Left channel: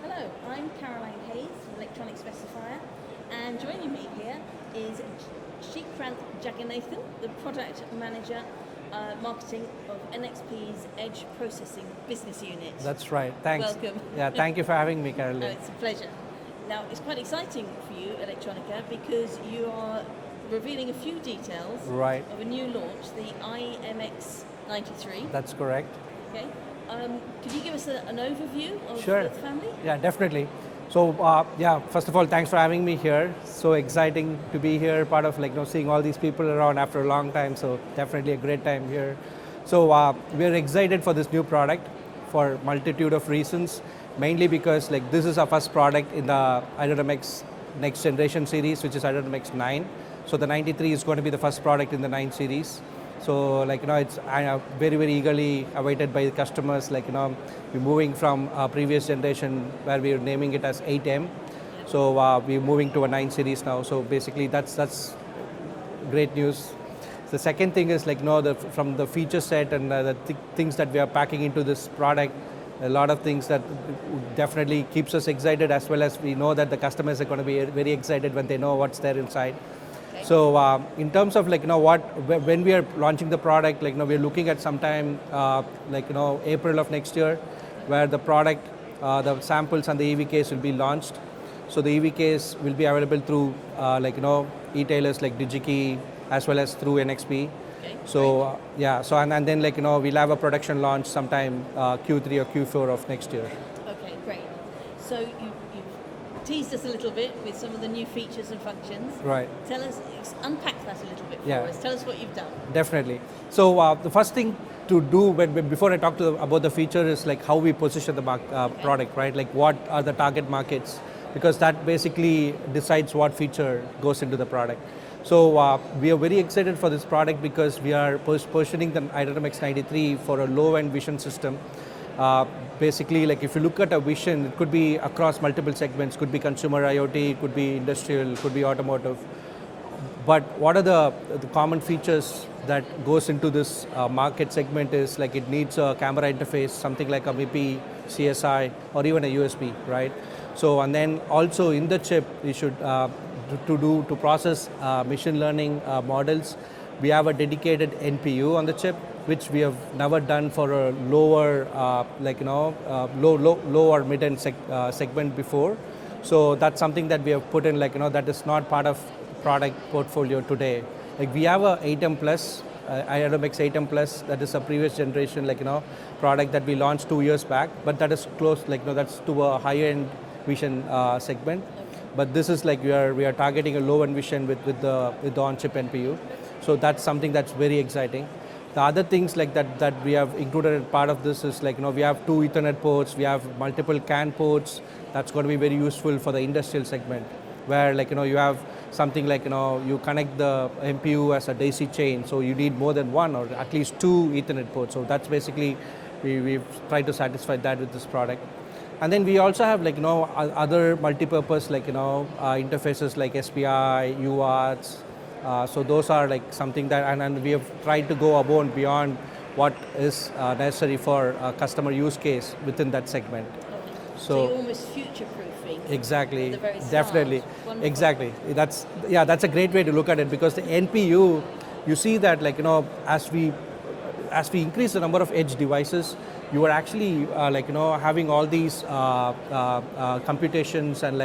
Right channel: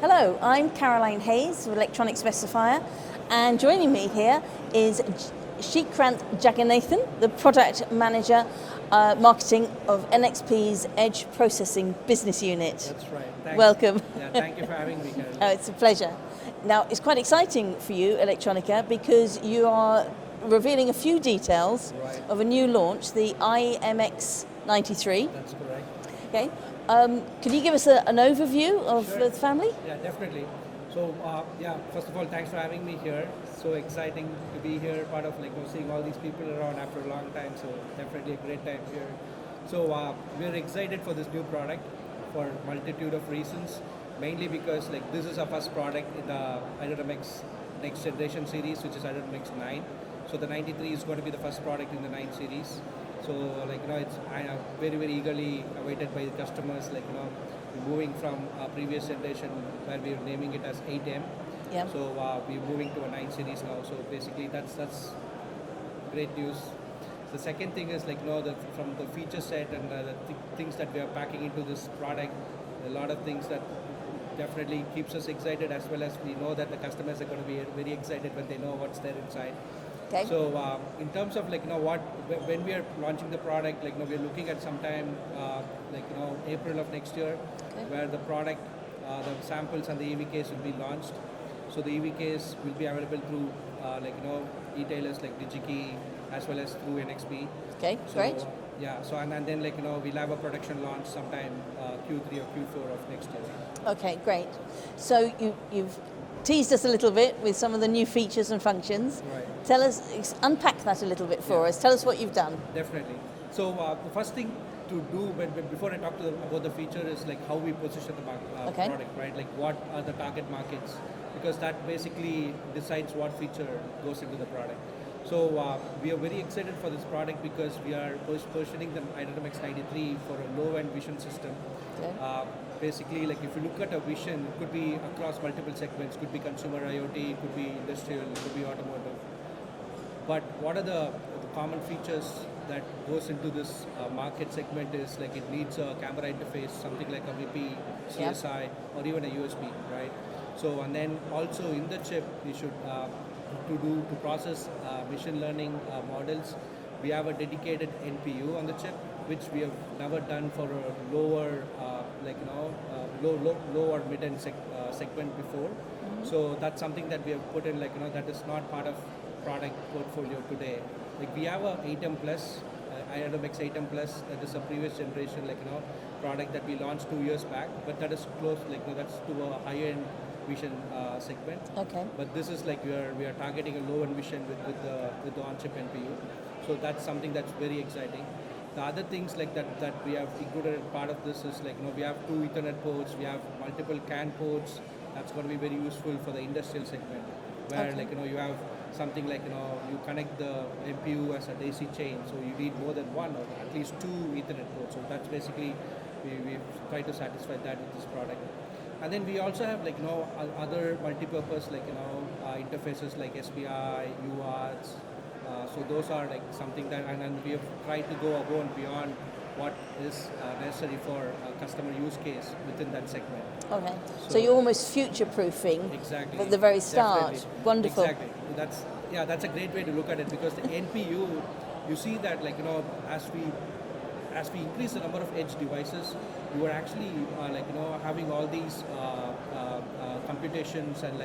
Hello, I'm Caroline Hayes of Electronic Specifier, and joining me here is Srikanth Jagannathan, the Product Manager Marketing of NXP's Edge Processing Business Unit. That's right. Thanks. Welcome. Yeah, thank you for having me, Caroline. It's a pleasure. Now, it's quite exciting for you, Electronica, because you are revealing a few details of a new launch, the I.MX 93. That's correct. Okay. Can you give us an overview of the family? Yeah, definitely. So, first of all, thanks for having me here. So exciting to be here, part of seeing all these people around after a long time. So definitely a great time here. So we're excited for this new product for multitude of reasons. Mainly because this is our first product in the I.MX next generation series, which is I.MX 9. So the 93 is going to be the first product in the 9 series. So it's very, very eagerly awaited by the customers. We're moving from our previous generation where we're naming it as 8M. Yep. So we're moving to a 9 series now. So basically that's great news. The second thing is from the feature set and the things that we are packing into this product, a lot of things that definitely keeps us excited, as well as we know that the customers are going to be very excited when they know what's there inside. Okay. So in terms of when we are launching the product, we're looking at sometime April of next year, where the product, the samples and the EVKs will be launched. So the EVKs will be available through retailers like Digi-Key as well as through NXP. Okay. So and then we'll have a production launch sometime Q3 or Q4 of next year. Okay, great. So you've teased us a little bit with some of the new features and functions. Right. Tell us, unpack that a little bit for us. Tell us what you've done. Definitely. So the first thing to do before I talk about the feature is how we position the product, right? What are the target markets? Because that basically decides what feature goes into the product. So we are very excited for this product because we are positioning the I.MX 93 for a low-end vision system. Basically, if you look at a vision, it could be across multiple segments, could be consumer IoT, could be industrial, could be automotive. But what are the common features that goes into this market segment is it needs a camera interface, something like a MIPI, CSI, or even a USB, right? So, and then also in the chip, we should, to process machine learning models, we have a dedicated NPU on the chip, which we have never done for a lower, low or mid-end segment before. So that's something that we have put in, that is not part of product portfolio today. We have a 8M Plus, I.MX 8M Plus, that is a previous generation, product that we launched 2 years back, but that is close, that's to a higher-end vision segment. Okay. But this is we are targeting a low-end vision with the on-chip NPU. So that's something that's very exciting. The other things that we have included as part of this is we have 2 Ethernet ports, we have multiple CAN ports. That's going to be very useful for the industrial segment, where you have something you connect the MPU as a daisy chain, so you need more than 1 or at least 2 Ethernet ports. So that's basically we've tried to satisfy that with this product. And then we also have other multi-purpose interfaces like SPI, UARTs. So those are something that, and we have tried to go above and beyond what is necessary for a customer use case within that segment. Okay. So you're almost future-proofing. Exactly. At the very start. Definitely. Wonderful. Exactly. That's a great way to look at it, because the NPU, you see that as we increase the number of edge devices, you are actually having all these computations and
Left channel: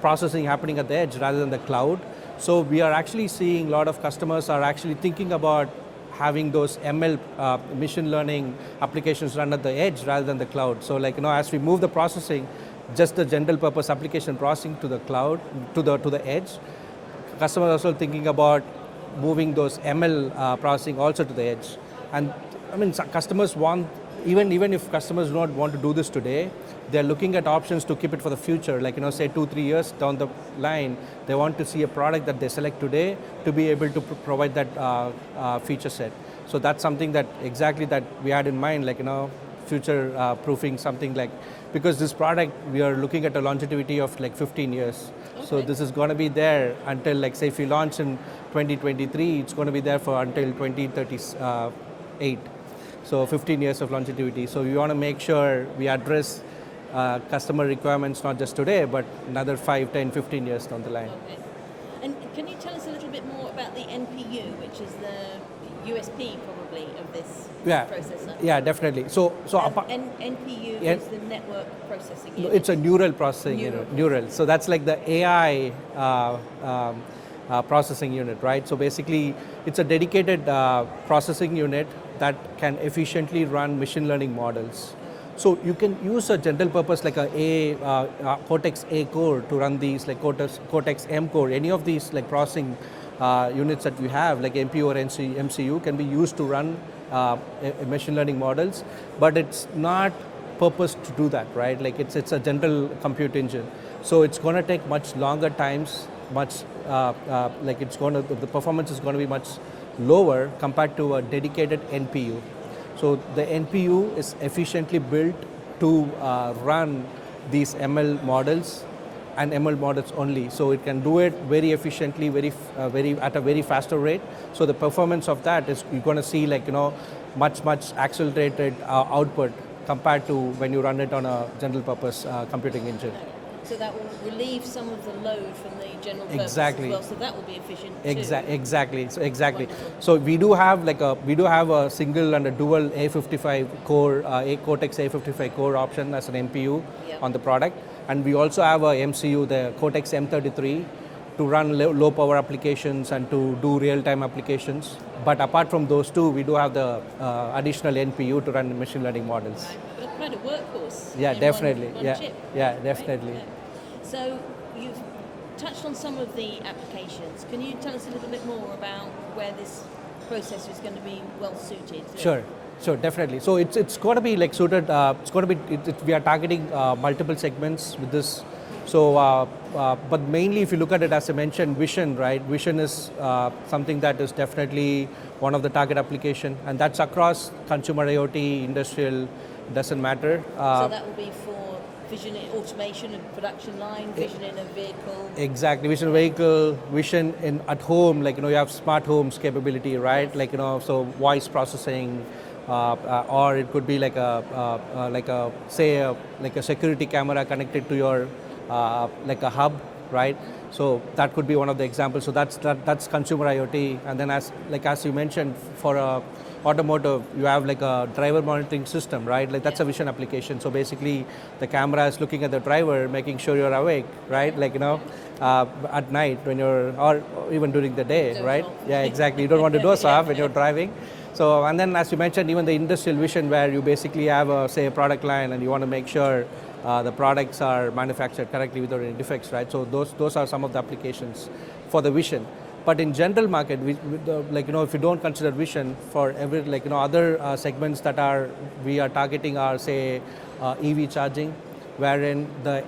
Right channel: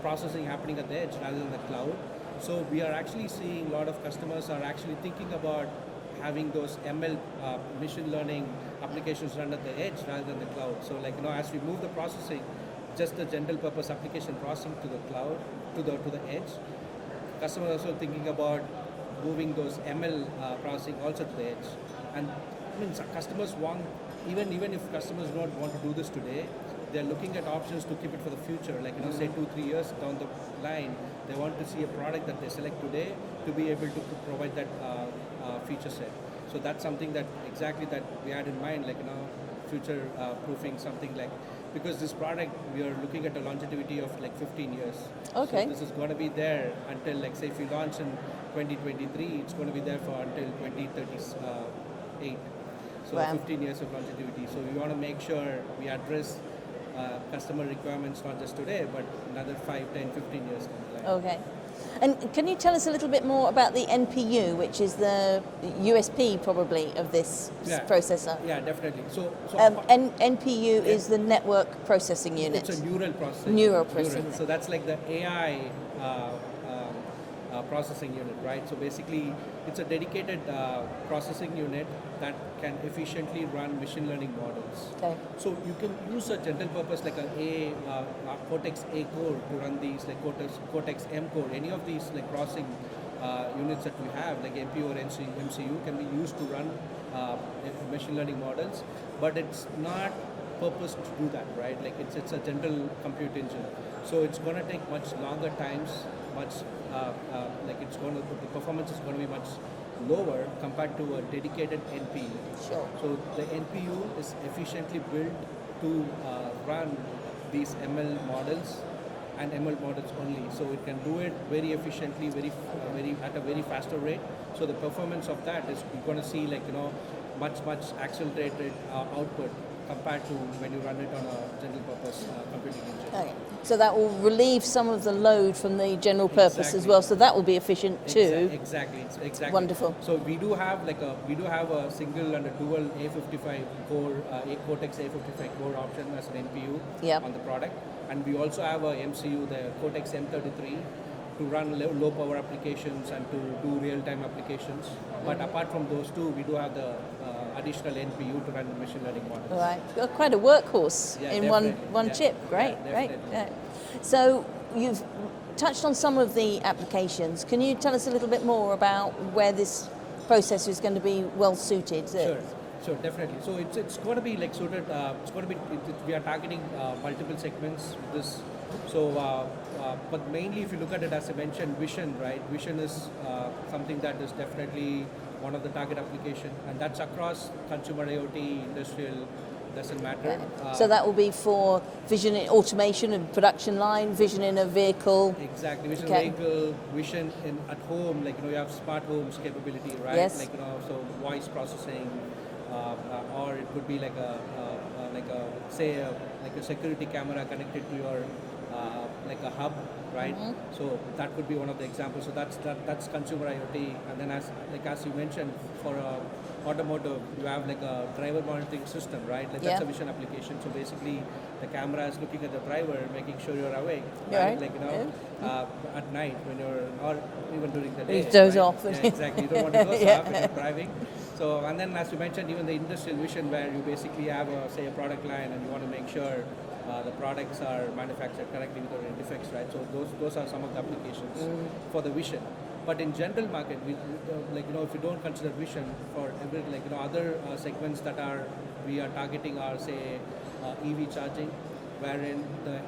processing happening at the edge rather than the cloud. So we are actually seeing a lot of customers are actually thinking about having those ML machine learning applications run at the edge rather than the cloud. So as we move the processing, just the general purpose application processing to the cloud, to the edge, customers are also thinking about moving those ML processing also to the edge. And I mean, customers want, even if customers do not want to do this today, they're looking at options to keep it for the future. Say 2-3 years down the line, they want to see a product that they select today to be able to provide that feature set. So that's something that we had in mind, future proofing something because this product, we are looking at a longevity of 15 years. Okay. So this is going to be there until say if we launch in 2023, it's going to be there for until 2038. So wow. 15 years of longevity. So we want to make sure we address customer requirements, not just today, but another 5, 10, 15 years down the line. Okay. And can you tell us a little bit more about the NPU, which is the USP probably of this processor? Yeah, definitely. So NPU is the network processing unit. It's a neural processing unit. So that's like the AI processing unit, right? So basically, it's a dedicated processing unit that can efficiently run machine learning models. Okay. So you can use a general purpose like a Cortex A core to run these, like Cortex M core. Any of these like processing units that we have, like NPU or MCU, can be used to run machine learning models, but it's not purposed to do that, right? Like it's a general compute engine. So it's going to take much longer times, the performance is going to be much lower compared to a dedicated NPU. Sure. So the NPU is efficiently built to run these ML models and ML models only. So it can do it very efficiently, at a very faster rate. So the performance of that is you're going to see much accelerated output compared to when you run it on a general purpose computing engine. Okay. So that will relieve some of the load from the general purpose as well. So that will be efficient too. Exactly. Wonderful. So we do have a single and a dual A55 core, Cortex A55 core option as an NPU on the product, and we also have a MCU, the Cortex M33, to run low power applications and to do real time applications. But apart from those two, we do have the additional NPU to run machine learning models. Right, you've got quite a workhorse in one chip, right? Yeah, definitely. Right. So you've touched on some of the applications. Can you tell us a little bit more about where this processor is going to be well suited? Sure, definitely. So it's going to be like suited. We are targeting multiple segments with this. So, but mainly if you look at it, as I mentioned, vision, right? Vision is something that is definitely one of the target application, and that's across consumer IoT, industrial, doesn't matter. So that will be for vision in automation and production line, vision in a vehicle. Exactly, vision vehicle, vision in at home, you have smart homes capability, right? Yes. So voice processing, or it could be like a security camera connected to your like a hub, right? Mm-hmm. So that could be one of the examples. So that's consumer IoT, and then as you mentioned, for automotive, you have like a driver monitoring system, right? That's a vision application. So basically, the camera is looking at the driver, making sure you're awake, right? At night when or even during the day, doze right? off. Yeah, exactly. You don't want to doze off when you're driving. So, and then as you mentioned, even the industrial vision, where you basically have a product line and you want to make sure the products are manufactured correctly without any defects, right? So those are some of the applications for the vision. But in general market, if you don't consider vision, for every other segments that we are targeting are EV charging, wherein the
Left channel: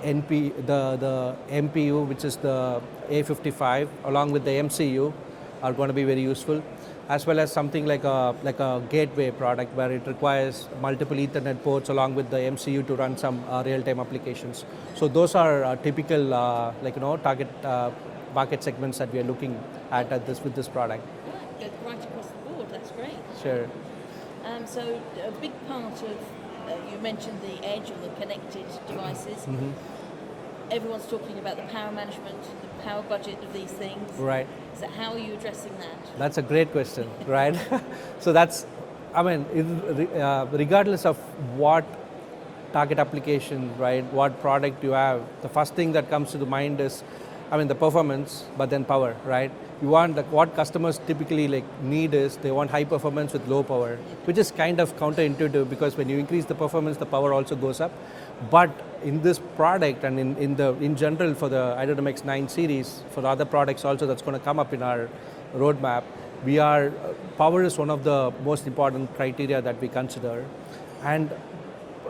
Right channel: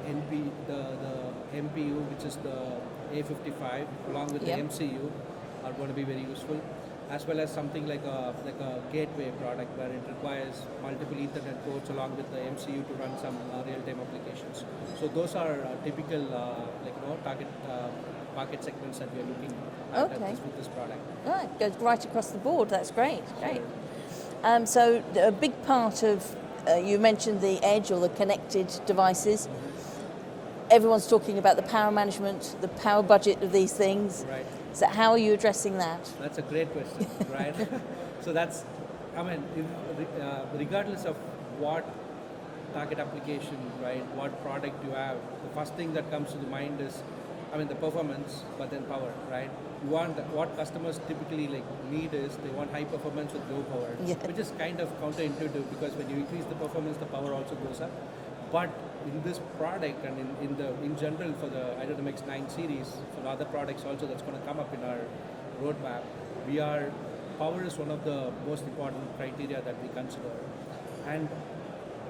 MPU, which is the A55, along with the MCU, are going to be very useful, as well as something like a gateway product where it requires multiple Ethernet ports along with the MCU to run some real-time applications. So those are typical target market segments that we are looking at with this product. Right, goes right across the board. That's great. Sure. Right. So a big part of you mentioned the edge or the connected devices. Mm-hmm. Everyone's talking about the power management, the power budget of these things. Right. So how are you addressing that? That's a great question, right? So regardless of what target application, right, what product you have, the first thing that comes to the mind is, the performance, but then power, right? You want what customers typically need is they want high performance with low power, which is kind of counterintuitive, because when you increase the performance, the power also goes up. But in this product and in general for the I.MX 9 series, for the other products also that's going to come up in our roadmap, power is one of the most important criteria that we consider. And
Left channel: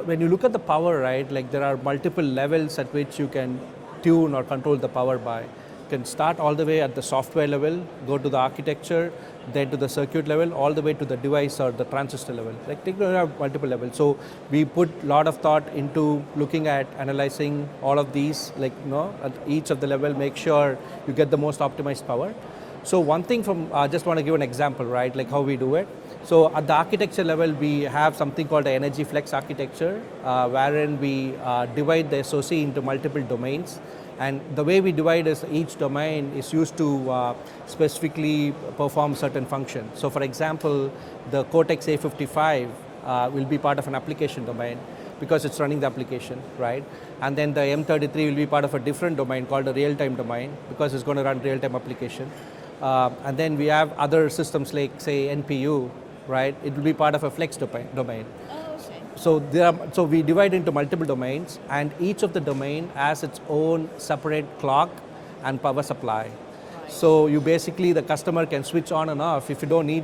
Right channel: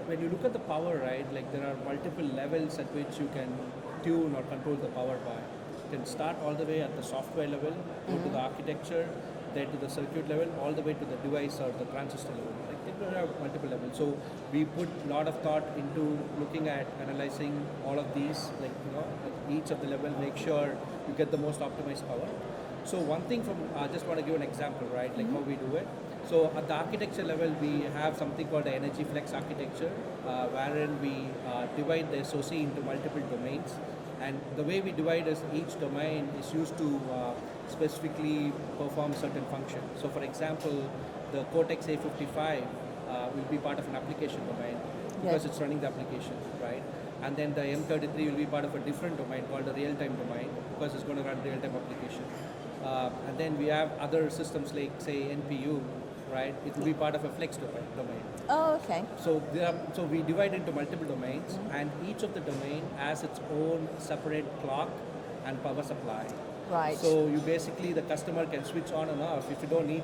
when you look at the power, right, there are multiple levels at which you can tune or control the power by. You can start all the way at the software level, go to the architecture, then to the circuit level, all the way to the device or the transistor level. Multiple levels. So we put a lot of thought into looking at analyzing all of these, at each of the level, make sure you get the most optimized power. So one thing I just want to give an example, right, how we do it. So at the architecture level, we have something called the energy flex architecture, wherein we divide the SoC into multiple domains. And the way we divide is each domain is used to specifically perform certain functions. So for example, the Cortex A55 will be part of an application domain because it's running the application, right? And then the M33 will be part of a different domain called the real-time domain because it's going to run real-time application. And then we have other systems like, say, NPU, right? It will be part of a flex domain. Oh, okay. So we divide into multiple domains, and each of the domain has its own separate clock and power supply. Right. So you basically, the customer can switch on and off if you don't need,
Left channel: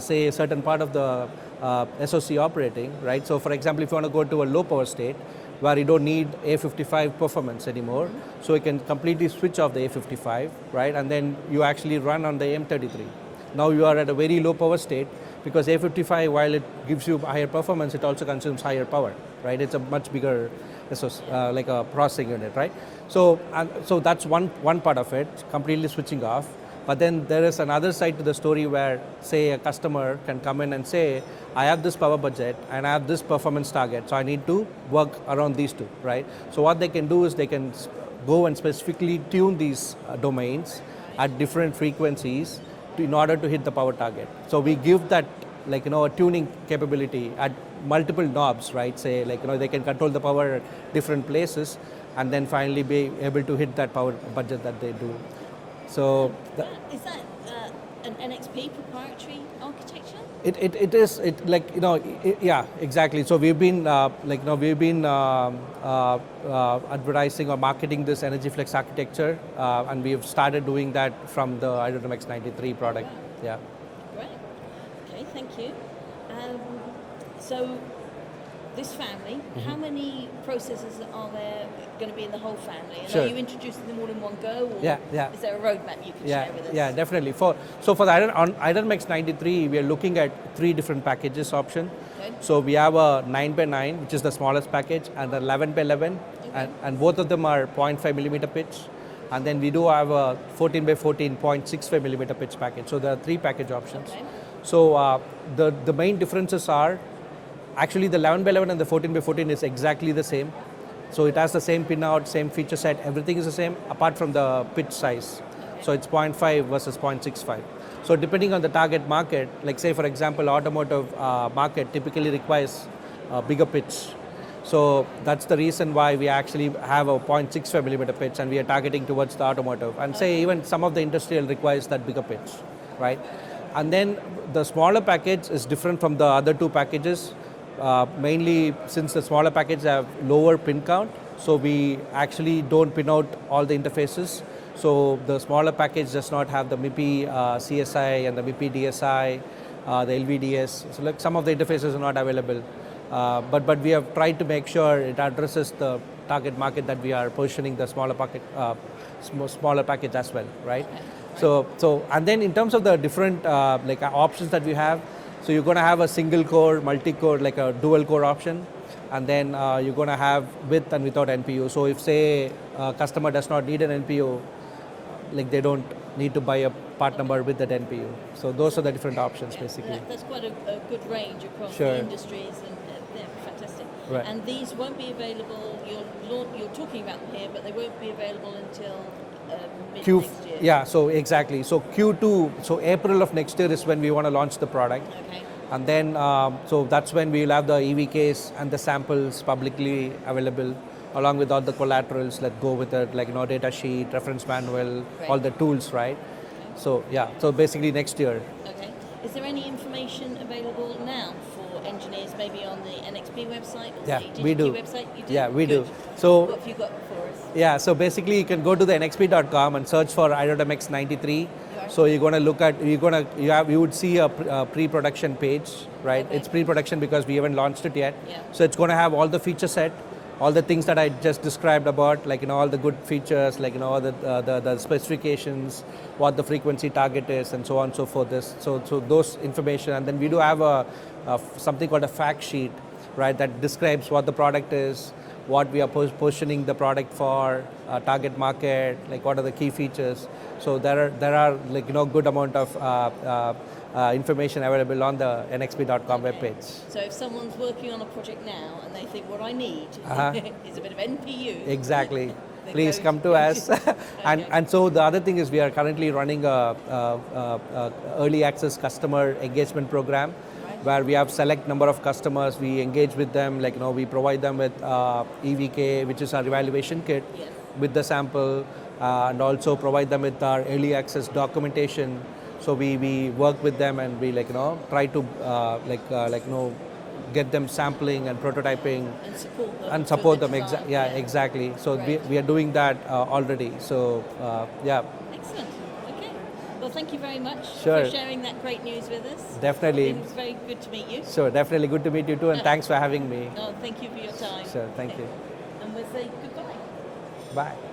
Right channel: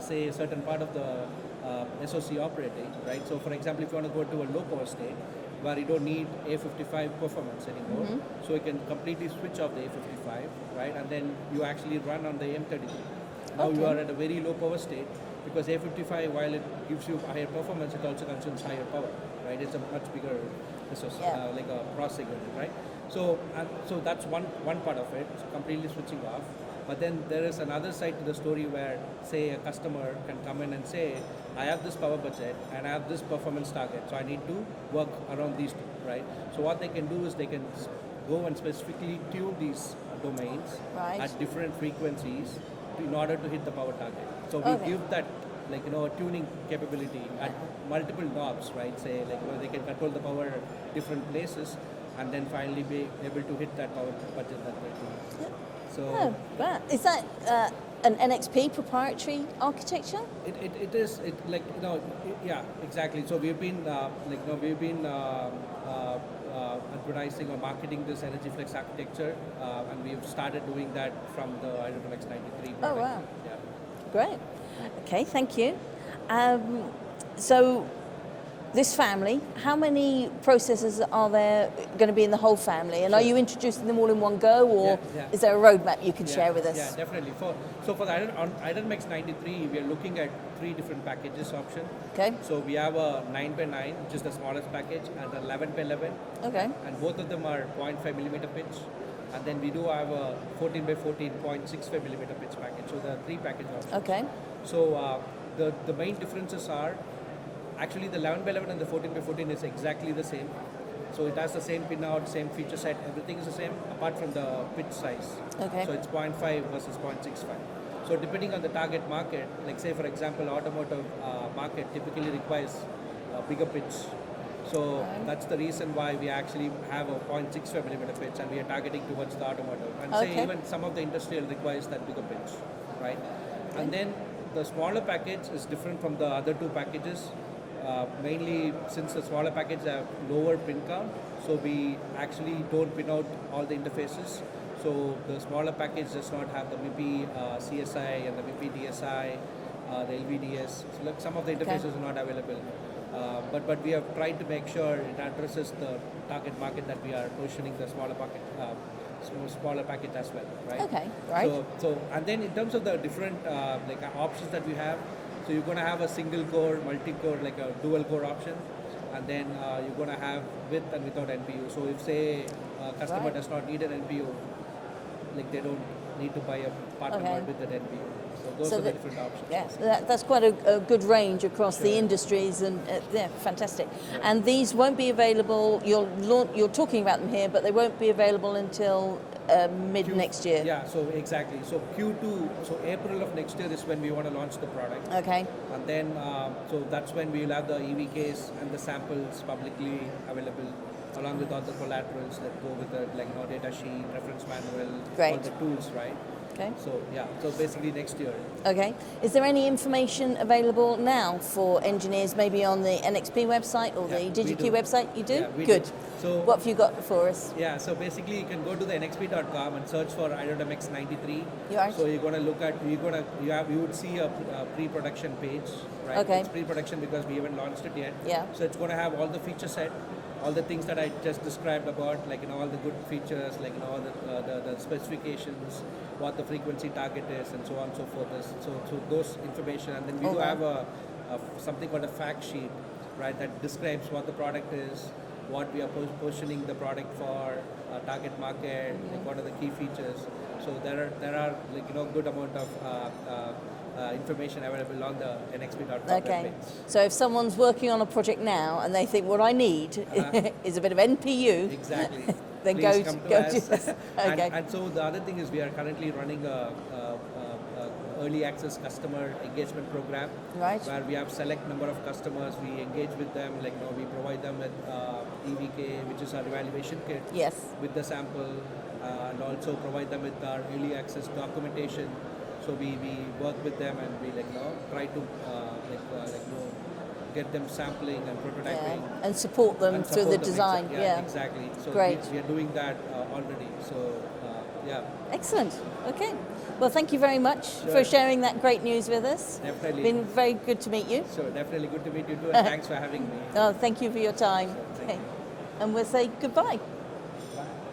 say, a certain part of the SoC operating, right? So for example, if you want to go to a low power state, where you don't need A55 performance anymore, so you can completely switch off the A55, right? And then you actually run on the M33. Now you are at a very low power state, because A55, while it gives you higher performance, it also consumes higher power, right? It's a much bigger SoC, like a processing unit, right? So that's one part of it, completely switching off. But then there is another side to the story where, say, a customer can come in and say, I have this power budget and I have this performance target, so I need to work around these two, right? So what they can do is they can go and specifically tune these domains at different frequencies in order to hit the power target. So we give that, like, a tuning capability at multiple knobs, right? Say, like, they can control the power at different places and then finally be able to hit that power budget that they do. So is that an NXP proprietary architecture? It is, yeah, exactly. So we've been advertising or marketing this energy flex architecture, and we've started doing that from the I.MX 93 product. Oh, wow. Yeah. Great. Okay, thank you. So this family, how many processors are there going to be in the whole family? And are you introducing them all in one go, or is there a roadmap you can share with us? Yeah, definitely. So for the I.MX 93, we are looking at 3 different packages option. Okay. So we have a 9x9, which is the smallest package, and a 11x11, and both of them are 0.5 millimeter pitch. And then we do have a 14x14 0.65 millimeter pitch package. So there are 3 package options. Okay. So the main differences are, actually the 11x11 and the 14x14 is exactly the same. So it has the same pinout, same feature set, everything is the same apart from the pitch size. Okay. So it's 0.5 versus 0.65. So depending on the target market, like say for example, automotive market typically requires a bigger pitch. So that's the reason why we actually have a 0.65 millimeter pitch, and we are targeting towards the automotive. And say even some of the industrial requires that bigger pitch, right? And then the smaller package is different from the other 2 packages. Mainly since the smaller packages have lower pin count, so we actually don't pin out all the interfaces. So the smaller package does not have the MIPI CSI and the MIPI DSI, the LVDS. So like some of the interfaces are not available. But we have tried to make sure it addresses the target market that we are positioning the smaller package as well, right? Okay. Right. So and then in terms of the different options that we have. So you're going to have a single core, multi-core, like a dual core option, and then you're going to have with and without NPU. So if say a customer does not need an NPU, like they don't need to buy a part number with that NPU. So those are the different options basically. That's quite a good range across the industries, and fantastic. Right. And these won't be available, you're talking about them here, but they won't be available until mid next year. Yeah, so exactly. So Q2, so April of next year is when we want to launch the product. Okay. And then, so that's when we'll have the EVKs and the samples publicly available, along with all the collaterals that go with it, like data sheet, reference manual, all the tools, right? Okay. So yeah, so basically next year. Okay. Is there any information available now for engineers, maybe on the NXP website or the Digi-Key website? You do? Yeah, we do. So what have you got for us? Yeah, so basically you can go to the nxp.com and search for I.MX 93. So you're going to look at, you would see a pre-production page, right? Okay. It's pre-production because we haven't launched it yet. Yeah. So it's going to have all the feature set, all the things that I just described about, like all the good features, like the specifications, what the frequency target is, and so on and so forth. So those information, and then we do have something called a fact sheet, right? That describes what the product is, what we are positioning the product for, target market, like what are the key features. So there are like good amount of information available on the nxp.com webpage. So if someone's working on a project now and they think what I need is a bit of NPU, exactly. then Please come to us. Okay. And so the other thing is we are currently running a early access customer engagement program, Right. where we have select number of customers. We engage with them, like we provide them with EVK, which is our evaluation kit, Yes. with the sample, and also provide them with our early access documentation. So we work with them and we try to get them sampling and prototyping and support them and through support the them. design. Exactly. So Great. we are doing that already. So yeah. Excellent. Okay. Well, thank you very much Sure. for sharing that great news with us. Definitely. It's been very good to meet you. Sure, definitely good to meet you too, and thanks for having me. Oh, thank you for your time. Sure, thank you. And we'll say goodbye. Bye.